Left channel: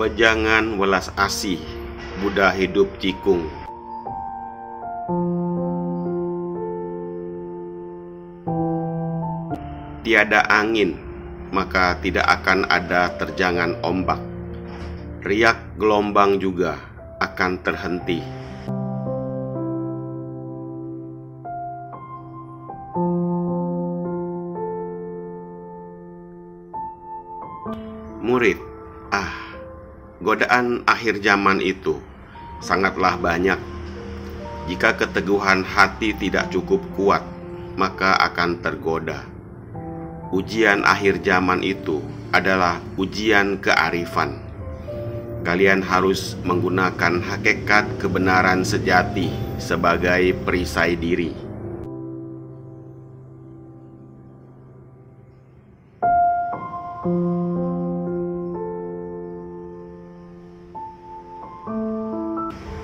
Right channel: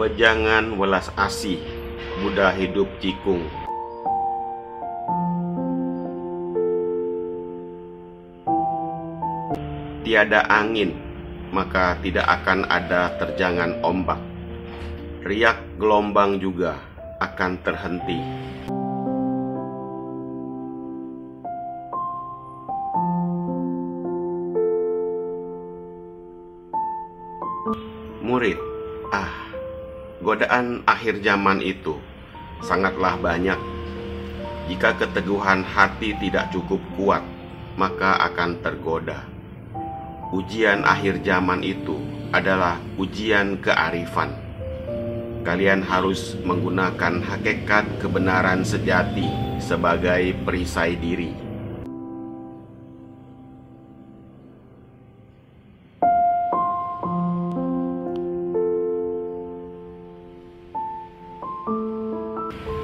Pejangan welas asih, Buddha hidup cikung. Tiada angin, maka tidak akan ada terjangan ombak. Riak gelombang juga akan terhenti. Murid, godaan akhir zaman itu sangatlah banyak. Jika keteguhan hati tidak cukup kuat, maka akan tergoda. Ujian akhir zaman itu adalah ujian kearifan. Kalian harus menggunakan hakikat kebenaran sejati sebagai perisai diri.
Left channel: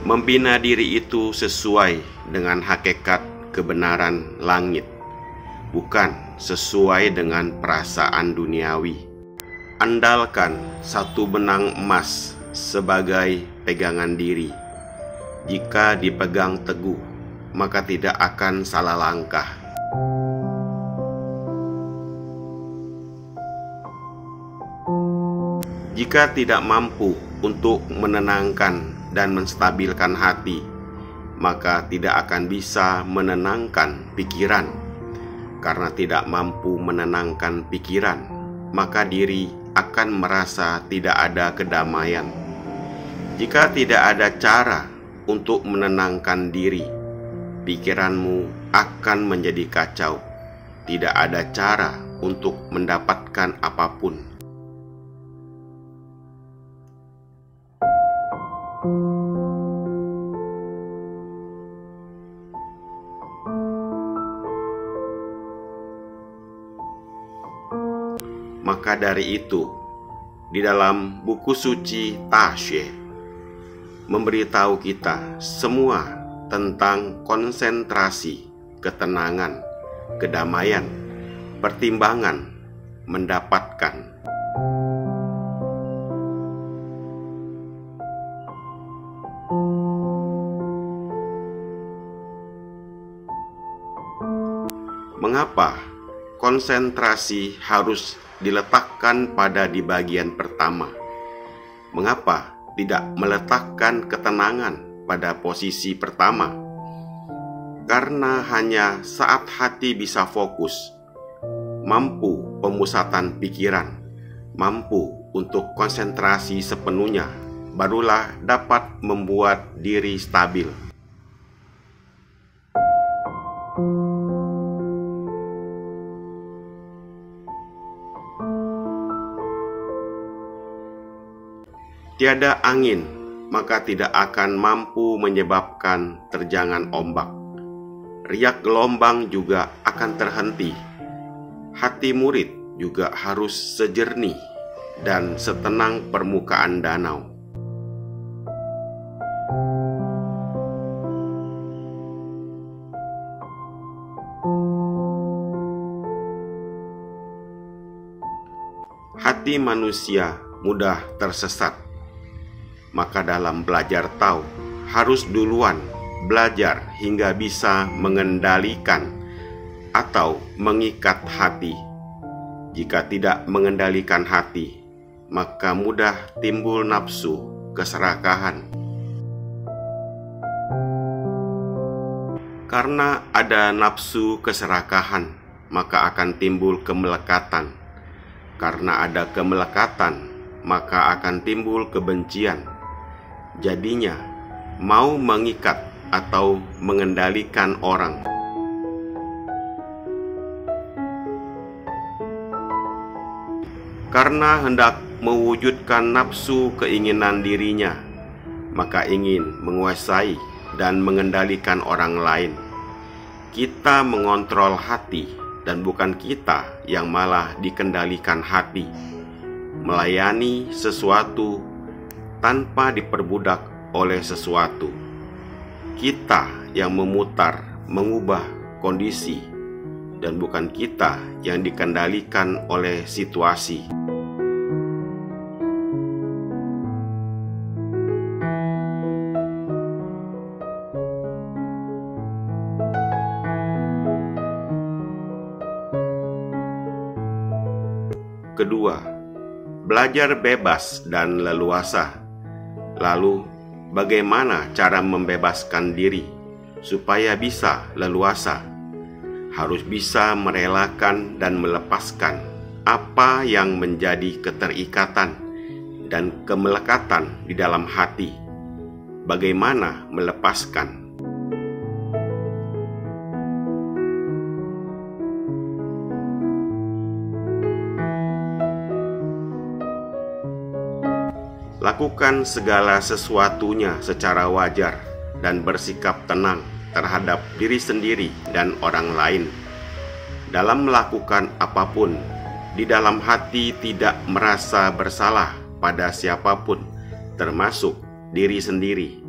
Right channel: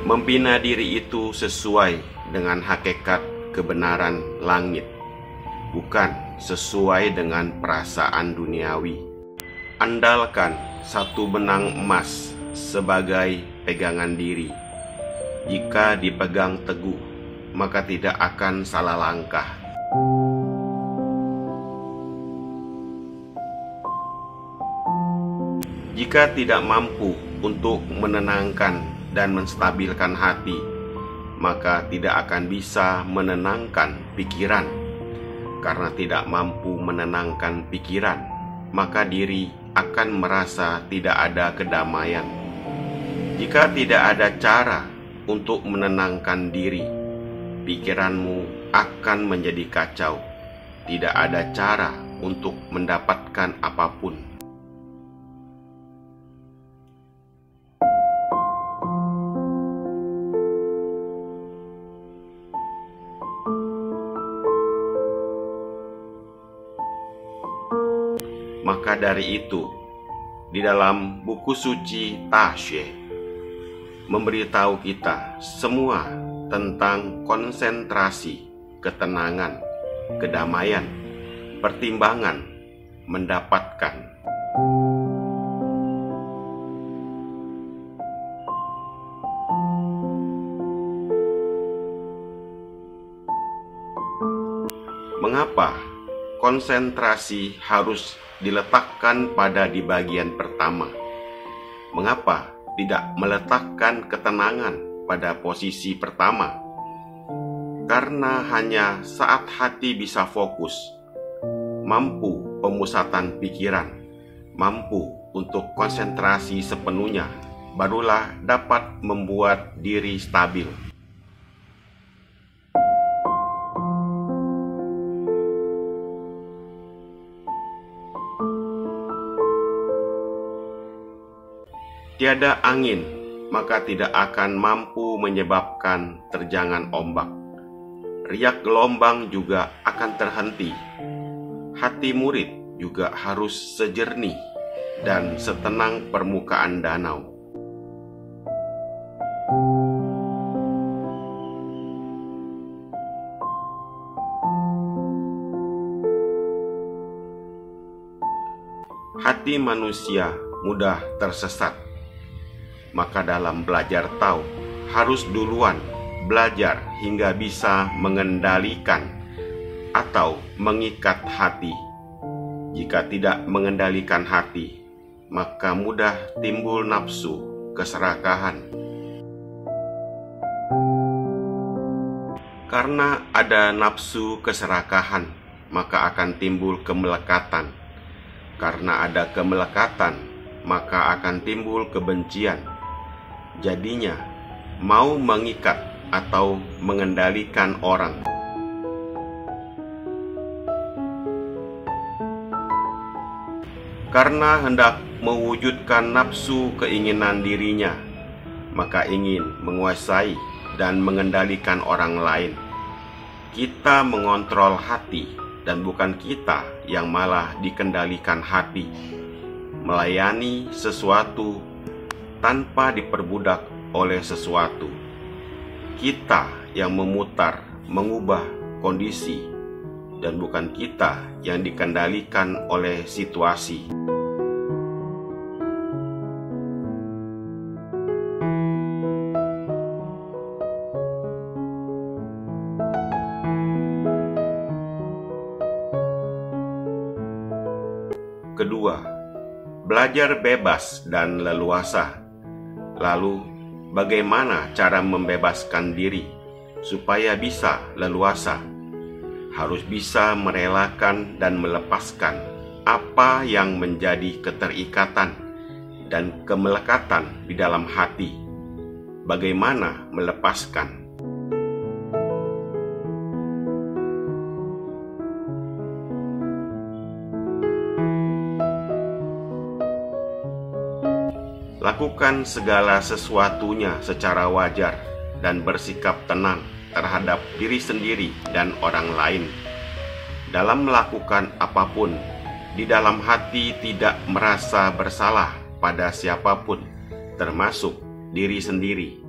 Membina diri itu sesuai dengan hakikat kebenaran langit, bukan sesuai dengan perasaan duniawi. Andalkan satu benang emas sebagai pegangan diri. Jika dipegang teguh, maka tidak akan salah langkah. Jika tidak mampu untuk menenangkan dan menstabilkan hati, maka tidak akan bisa menenangkan pikiran. Karena tidak mampu menenangkan pikiran, maka diri akan merasa tidak ada kedamaian. Jika tidak ada cara untuk menenangkan diri, pikiranmu akan menjadi kacau. Tidak ada cara untuk mendapatkan apapun. Maka dari itu, di dalam buku suci Taxue memberitahu kita semua tentang konsentrasi, ketenangan, kedamaian, pertimbangan, mendapatkan. Mengapa konsentrasi harus diletakkan di bagian pertama? Mengapa tidak meletakkan ketenangan pada posisi pertama? Karena hanya saat hati bisa fokus, mampu pemusatan pikiran, mampu untuk konsentrasi sepenuhnya, barulah dapat membuat diri stabil. Tiada angin, maka tidak akan mampu menyebabkan terjangan ombak. Riak gelombang juga akan terhenti. Hati murid juga harus sejernih dan setenang permukaan danau. Hati manusia mudah tersesat. Maka dalam belajar Tao harus duluan belajar hingga bisa mengendalikan atau mengikat hati. Jika tidak mengendalikan hati, maka mudah timbul nafsu keserakahan. Karena ada nafsu keserakahan, maka akan timbul kemelekatan. Karena ada kemelekatan, maka akan timbul kebencian. Jadinya, mau mengikat atau mengendalikan orang. Karena hendak mewujudkan nafsu keinginan dirinya, maka ingin menguasai dan mengendalikan orang lain. Kita mengontrol hati dan bukan kita yang malah dikendalikan hati. Melayani sesuatu tanpa diperbudak oleh sesuatu. Kita yang memutar, mengubah kondisi, dan bukan kita yang dikendalikan oleh situasi. Kedua, belajar bebas dan leluasa. Lalu, bagaimana cara membebaskan diri supaya bisa leluasa? Harus bisa merelakan dan melepaskan apa yang menjadi keterikatan dan kemelekatan di dalam hati. Bagaimana melepaskan? Lakukan segala sesuatunya secara wajar dan bersikap tenang terhadap diri sendiri dan orang lain. Dalam melakukan apapun, di dalam hati tidak merasa bersalah pada siapapun, termasuk diri sendiri.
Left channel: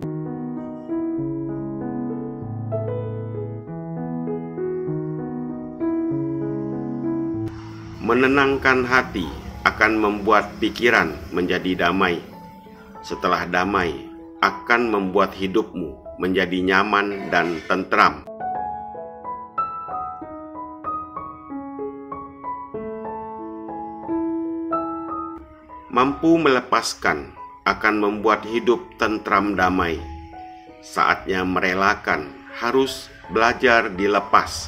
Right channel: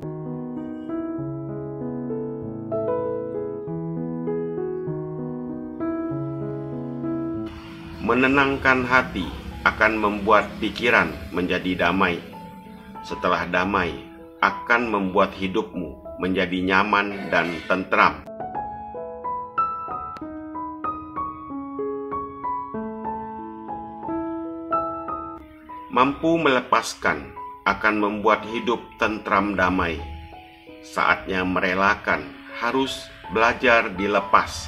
Menenangkan hati akan membuat pikiran menjadi damai. Setelah damai, akan membuat hidupmu menjadi nyaman dan tentram. Mampu melepaskan akan membuat hidup tentram damai. Saatnya merelakan harus belajar dilepas.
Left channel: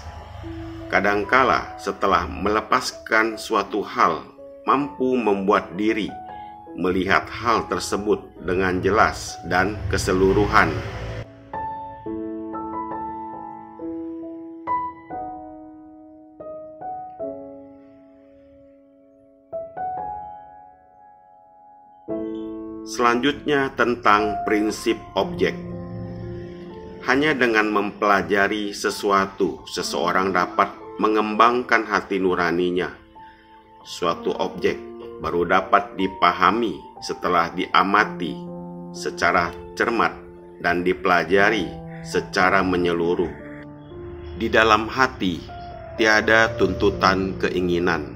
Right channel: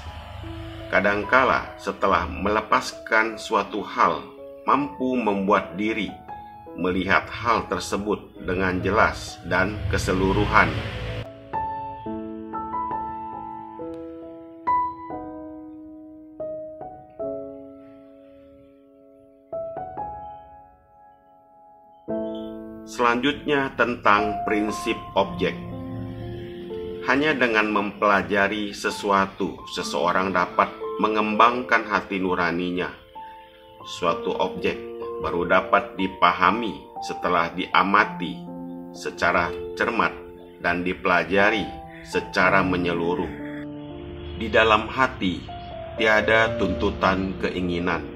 Kadangkala setelah melepaskan suatu hal, mampu membuat diri melihat hal tersebut dengan jelas dan keseluruhan. Selanjutnya tentang prinsip objek. Hanya dengan mempelajari sesuatu, seseorang dapat mengembangkan hati nuraninya. Suatu objek baru dapat dipahami setelah diamati secara cermat dan dipelajari secara menyeluruh. Di dalam hati tiada tuntutan keinginan.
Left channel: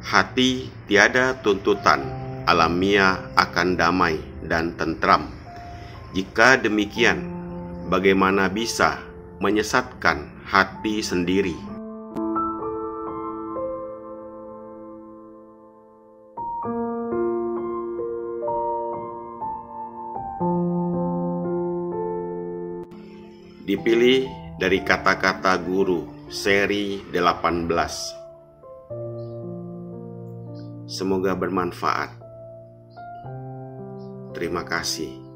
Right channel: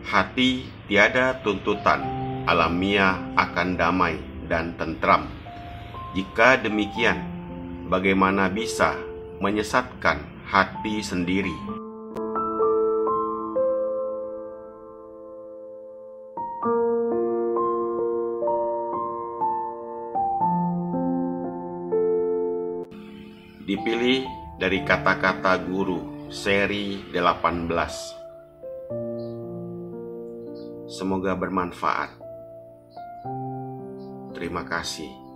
Hati tiada tuntutan, alamiah akan damai dan tentram. Jika demikian, bagaimana bisa menyesatkan hati sendiri? Dipilih dari Kata-kata Guru seri 18. Semoga bermanfaat. Terima kasih.